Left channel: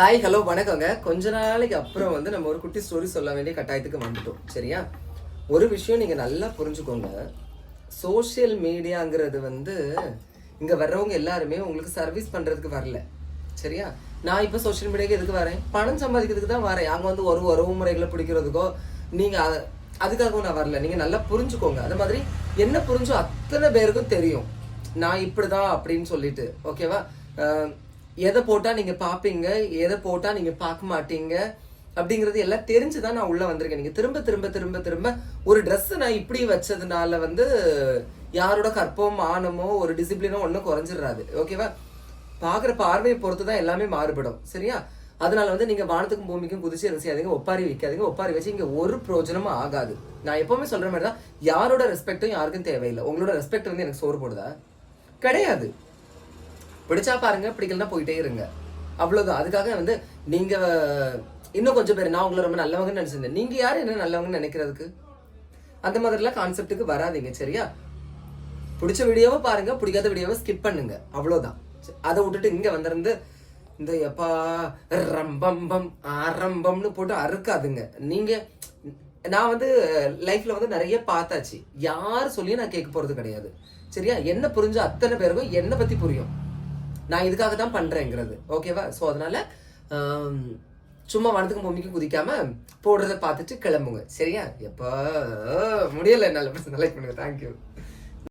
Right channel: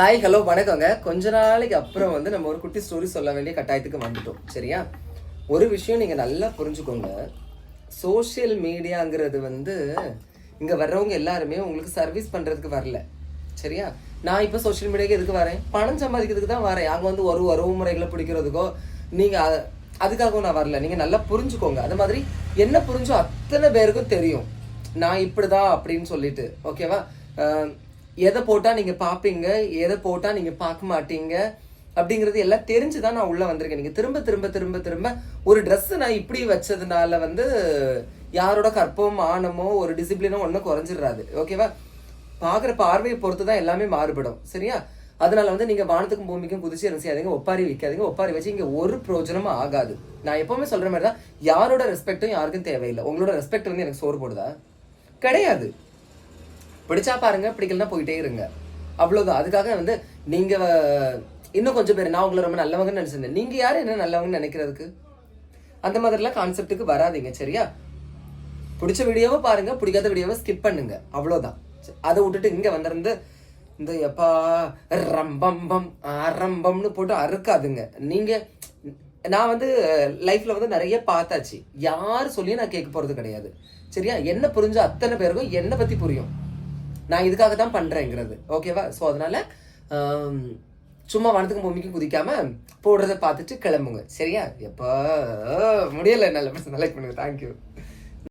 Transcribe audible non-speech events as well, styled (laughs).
Hi hello வணக்கங்க. கொஞ்ச நாளைக்கு அப்புறம் வந்து நம்ம ஒரு குட்டி ஸ்டோரி சொல்ல வேண்டிய கட்டாயத்துக்கு வந்துட்டோம். சரியா? ஒரு விஷயம் நீங்க நல்லா புரிஞ்சுக்கோங்க. சோஷியல் மீடியாங்கிறது வந்து இங்க வர்றவங்க எல்லாருமே உங்களுக்கு சர்வீஸ் பண்றதுக்கு வரல. சரியா? நான் இப்போ சோஷியல் மீடியாவுக்கு எதுக்கு வரேன்? பணம் சம்பாதிக்கிறதுக்கு தான் வரேன். அங்கே வந்து ஒரு உறவு முறைகளை பிடிக்கிறதுக்கோ நீங்கள் அதுக்காகவும் நான் வரல. நீங்கள் நல்லா புரிஞ்சுக்கோங்க. அந்த மாதிரி என்ன புரிஞ்சோ அத்தனை பேருக்கும் தெரியும். நான் இப்படிதான் அப்படின்னு சொல்லிட்டு. ஓகேவா எதை போட்டா நீங்க பாப்பீங்க? எதை போட்டா நீங்க பார்க்க மாட்டீங்க? அப்படிங்கிறது எல்லாம் தெரிஞ்சுதான் நான் உள்ள வந்திருக்கேன். நீங்க திரும்ப திரும்ப திரும்ப திரும்ப ஒரு ட்ரெஸ்ஸை நான் இப்படி வச்சதுனால வந்து யாரோட கற்பமும் மானமோ ஒரு டிசிப்ளினோ ஒன்றும் குறைஞ்சிடாது ஓகேவா பாக்குற பார்வையை பொறுத்து தான் எல்லாமே மாறுபடும். சரியா? அதனால வந்து நீங்க வானத்துக்கும் பூமிக்கும் குதிச்சு என்ன செய்யாதீங்க? ஒப்பாரி வைக்காதீங்க. ஒப்பாரி வச்சு இங்க ஒரு பிரயோஜனமும் ஆகாது. நான் எப்பவுமே சொல்ற மாதிரி தான் யாரோட ரெஸ்பெக்டும் யாருக்கும் தேவையில்லை. உங்களோட ரெஸ்பெக்ட் வந்து எனக்கு சோறு போடுதா? கிடையாது. பிடிச்சா பாருங்க பிடிக்கலனா போயிட்டே இருங்க. அவ்வளோதான் அதுக்காக வந்து நீங்க இன்னும் கொஞ்சம் பேர் நான் உங்களை ரொம்ப நல்லவங்கன்னு நினைச்சிருந்தேன். நீங்க யார்? என்ன நல்லவங்கன்னு நினைக்கிறதுக்கு? அந்த மாதிரிலாம் கான்செப்ட்டுக்கு வராதீங்க சரியா? பிடிச்ச வீடியோவை பாருங்க பிடிக்காத வீடியோவை ஸ்கிப் பண்ணுங்க. அவ்வளோதான் அதை விட்டுட்டு இங்க வந்திருந்து இந்த எப்பா ரம்பம்பம் அரம்பம்னு போட்டு அறுக்காதுங்க. நீங்க நான் வந்து லைஃப்ல வந்து நிறைய பார்த்தாச்சு. யார் சொல்லியும் நான் கேட்க போறது கிடையாது. சரியா? என்ன புரிஞ்ச அத்தனை பேருக்கும் என்னை பத்தி புரியும். நான் இதுக்காக தான் பண்ணுறேங்கிறது ஓகேவா ஸோ அதனால் சும்மா வனத்துக்கும் பூமிக்கும் குதிக்காம போடுறத பார்த்துட்டு கிளம்புங்க. சரியா? எப்போ? முடியல (laughs) நல்ல லைக் பண்ணுங்க தேங்க்யூ